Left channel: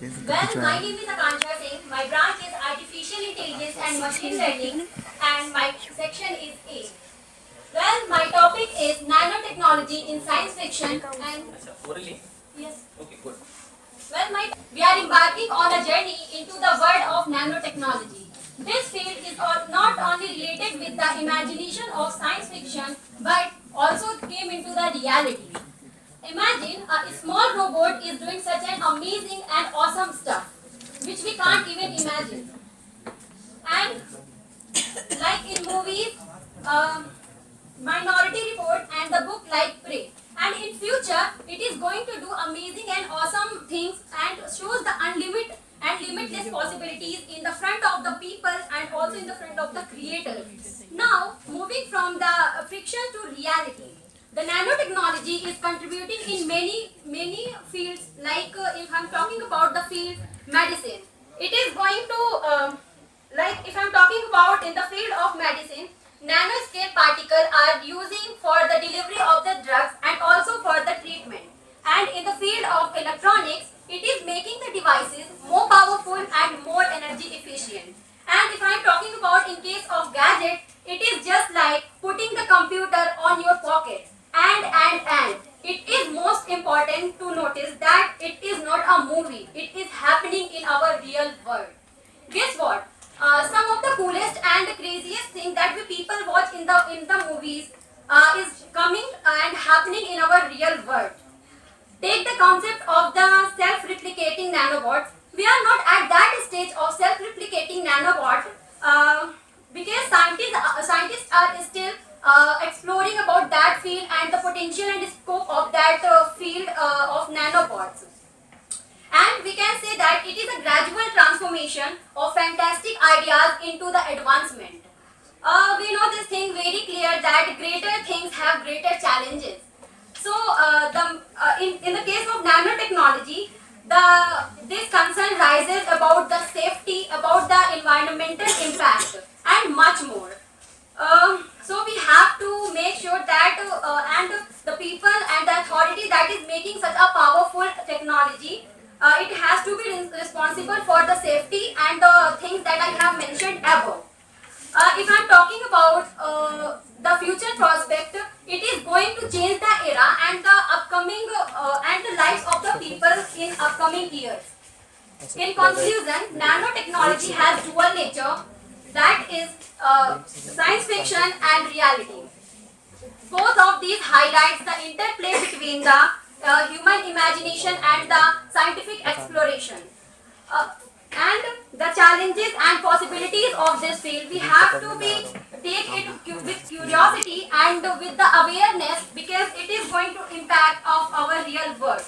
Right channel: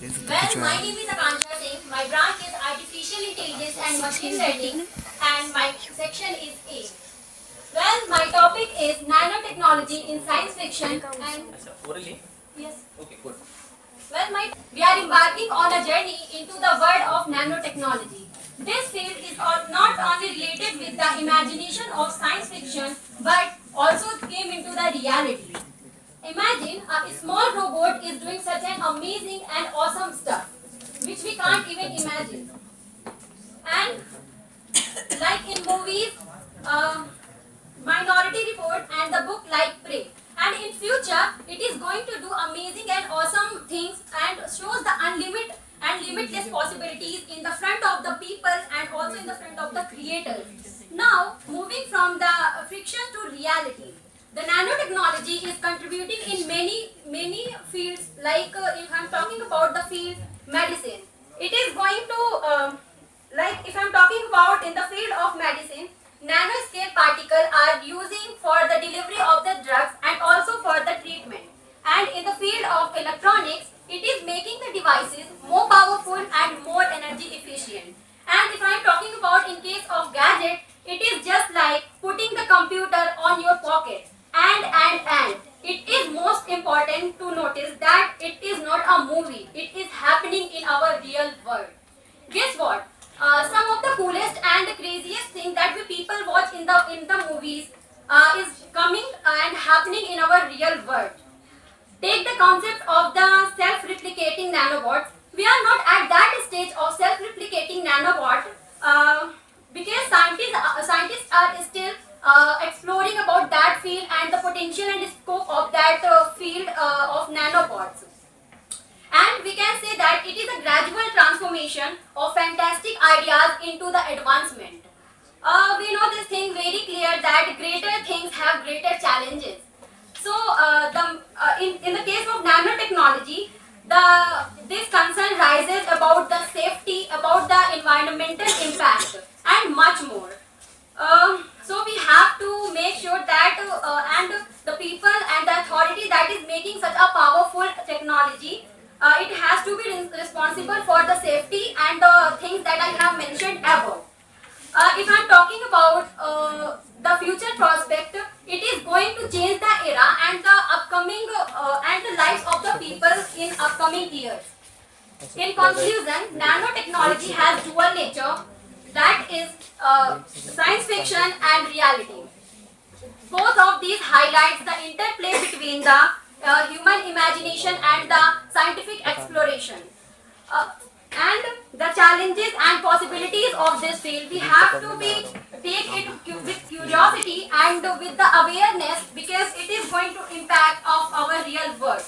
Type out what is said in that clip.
Well, my name is Akansha Singh. My branch is Artificial Intelligence and Machine Learning, and my section is A. Well, my topic is nanotechnology in science fiction, and yes. We are embarking on a journey into the world of nanotechnology. This field is not only related with the imagination of science fiction, but also came into the reality. Imagine a small robot is doing such an amazing and awesome stuff, which we can't even imagine. And like in movies, uh, Minority Report and the book like Prey. And in future, it is going to do amazing and awesome things and shows the unlimited and limitless possibilities in the front of the people and also in the front of the creator. Now, moving from the fiction to reality. The nanotechnology is contributing in many fields. Like if I'm talking about the field medicine, it is going to like if I'm talking about in the field of medicine, nanoscale particles are using for the delivery of the drugs and also for the treatment. And in the field of electronics, it is making the devices more powerful and more energy efficient. And if I'm talking about in case of gadget, it is just like putting the computer on your pocket. And it is most important to notice that it is not a movie. It is happening in our real world. Guess what? Some of the coolest and the craziest things that we people watch in the movies is coming and happening in our real world. Take the concept of the self-replicating nanobots. We are not at that stage of self-replicating nanobot because scientists are still exploring about that field and the potential and scope of that field of nanobots. And we can say that it is a gradual transformation of fantastic ideas into the advancement. We know this thing very clear that greater things have greater challenges. So, in the case of nanotechnology, this concern rises about the safety, about the environmental impact, and much more. So we have to make sure that and the people and the authority that is making such a powerful technology, it has to be responsible for the safety and the things that I have mentioned above. If I'm talking about the future prospect, it is going to change the era and the upcoming and the lives of the people in upcoming years. In conclusion, nanotechnology has dual nature, that is science fiction and reality. Both of these highlights the interplay between the human imagination and the scientific exploration. And the challenges and possibilities of this field, we have to take it with curiosity and with the awareness because it is going to impact of our real world.